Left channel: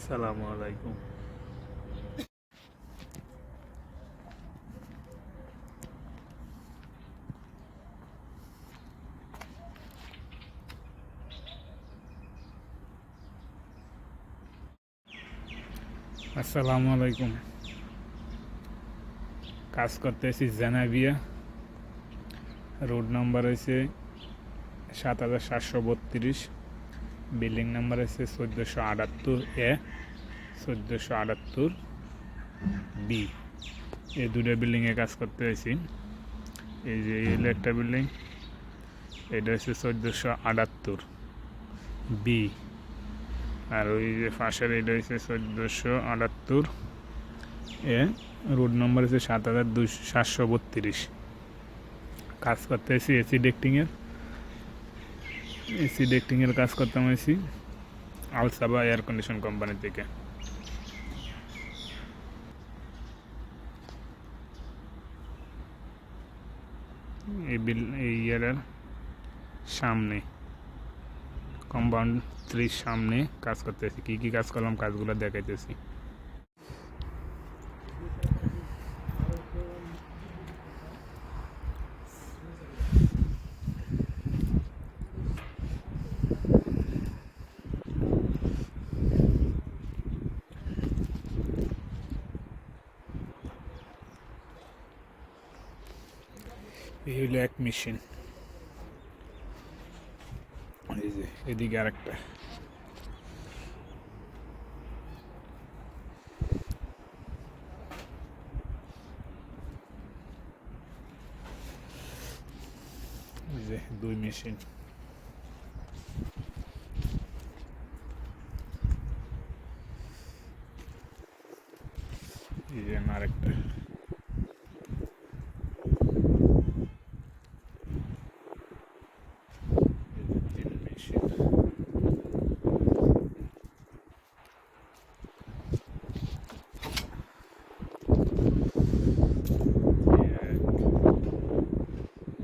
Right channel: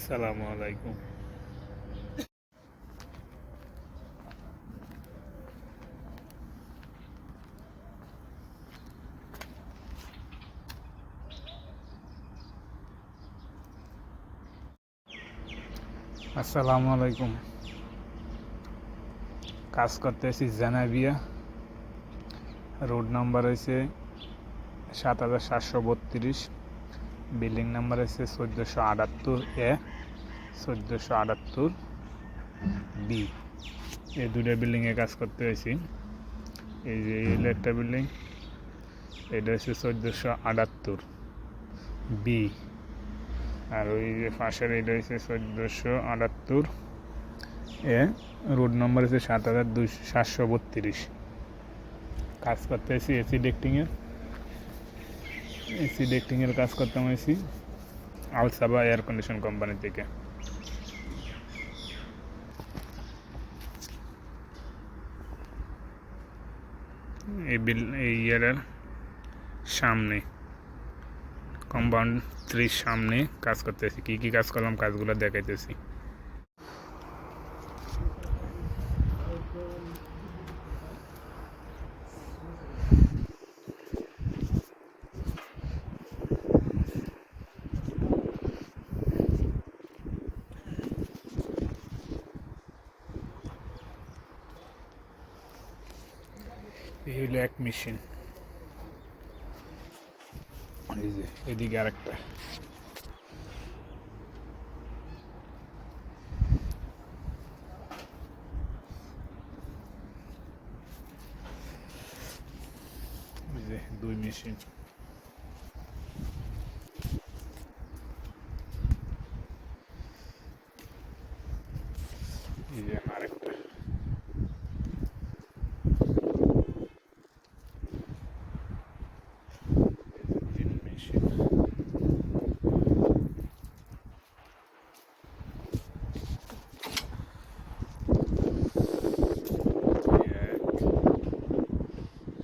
আসসালামু আলাইকুম। আসসালামু আলাইকুম। কাজ করতেছি জানাবিয়া, রোড নাম্বার হয়েছে ৭৭৩২, বিল্ডিং নাম্বার হয়েছে ১৪৭৮A, ১৪৭৮B। এই দুটো বিল্ডিংয়ে কাজ করতে হয়েছি। এই যে এল একটা বিল্ডিং, এটা হচ্ছে ১৪৭৮B, আর ওই যে পাশের এটা হচ্ছে ১৪৭৮A, রোড নম্বর হচ্ছে ৭৭৩২। কাজ করতে হয়েছি এসি ডেক্টিংয়ের কাজ করতে হয়েছি আলসাবা এয়ার কন্ডিশন কোম্পানি থেকে। এই ইয়ারের সামনে কম্পাউন্ড ৩ সামনে কাজ করতেছি। কী কী কাজ করলাম কাজগুলো দেখাইতেছি। এই হলো এক মেশিন, এই যে এদিকে আরেকটা। এই যে 2 মেশিন। এই যে আরেকটা।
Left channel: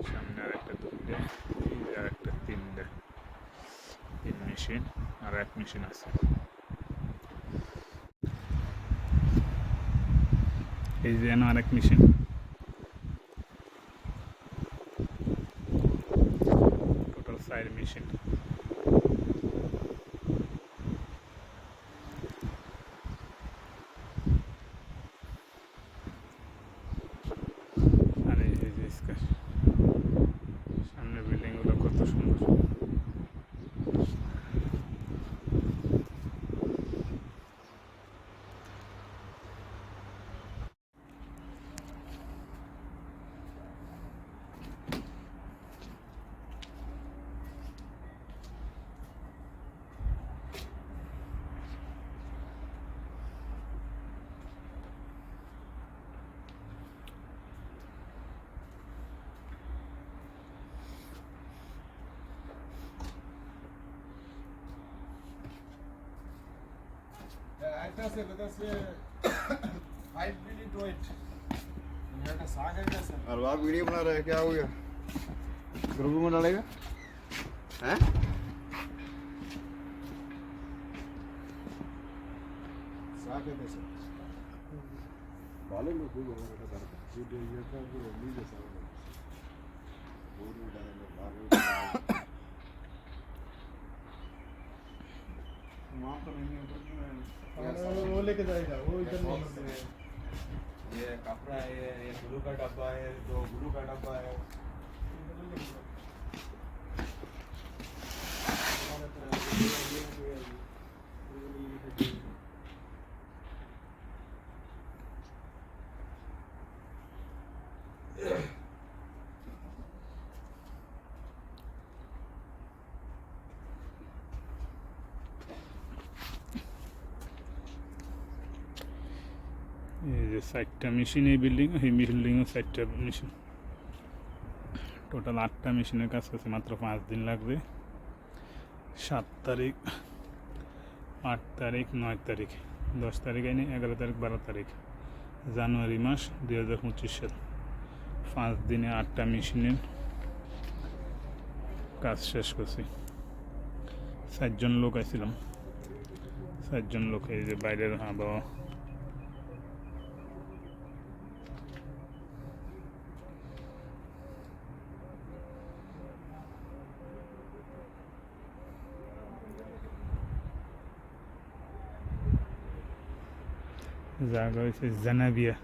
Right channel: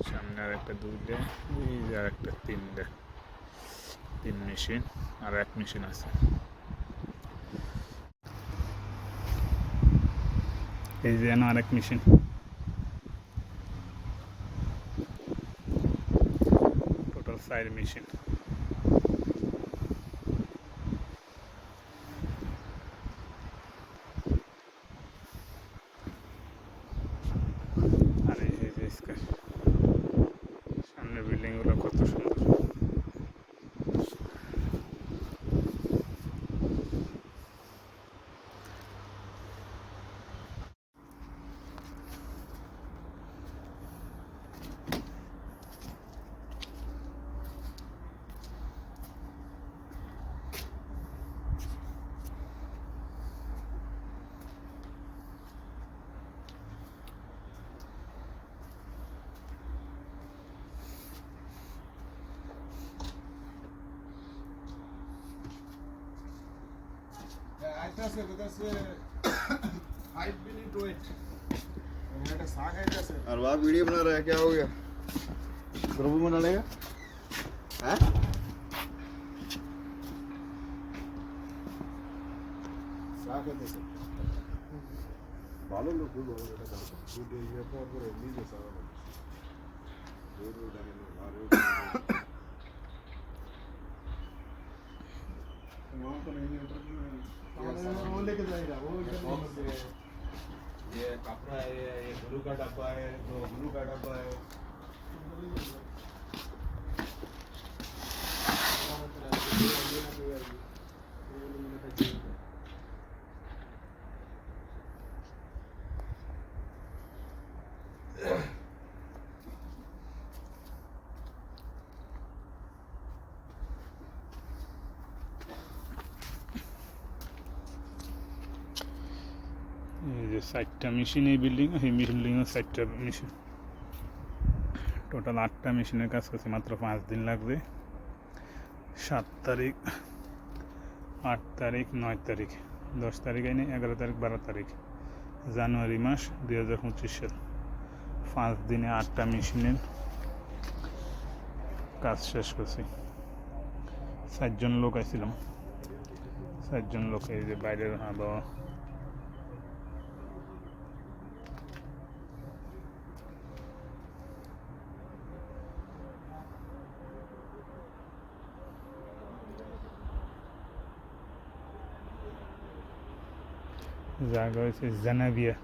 সামনে আরেকটা 2টে, এই যে আরেকটা 3টে। 3 মেশিন আর এক মেশিন আছে। এই যে আরেক মেশিন। Total 4 machine. আর এই যে স্কাই, সামনে বিল্ডিংগুলো কত সুন্দর। और आप वीडियो बना रहे हैं, क्या हो गया? ग्रुप में डालेगा हैं? ভালো লোক হলো এটা তার ভিডিও ইয়েটা করে নিজে সারা বহুত জানে वहाँ तो नहीं वो लेके जाएगा वो इधर ये कपड़ा है, ये ग्लू का डब्बा है, 2 ग्लू का डब्बा है। এই যে 4টা মেশিন এই বিল্ডিং, এই বিল্ডিংও 4টা মেশিন। টোটাল 8টা মেশিনের কাজ করছে, মাত্র 5 দিন লাগবে। 7 তারিখ, 8 তারিখ, 9 তারিখ, 10 তারিখ, 11 তারিখ, 12 তারিখ, জানুয়ারি মাস 2025 সাল। 5 দিনে 8টা মেশিনের কাজ শেষ করছি। 4 জন লোক আইছিলাম, চারজন লোক, এই যে বাইরের আবহাওয়া। জায়গা হয়েছে জানাবিয়া।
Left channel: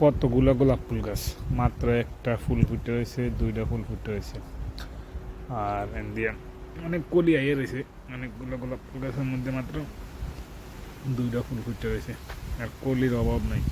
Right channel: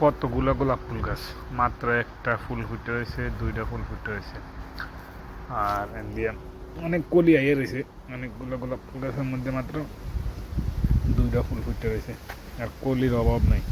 কতগুলো গোলাপ ফুল গাছ, মাত্র একটা ফুল ফুটে রয়েছে, দুইটা ফুল ফুটে রয়েছে, আর দিয়ে অনেক কলি আইয়ে রয়েছে। অনেকগুলো গোলাপ ফুল গাছের মধ্যে মাত্র দুইটা ফুল ফুটে রয়েছে, আর কলির অভাব নাই।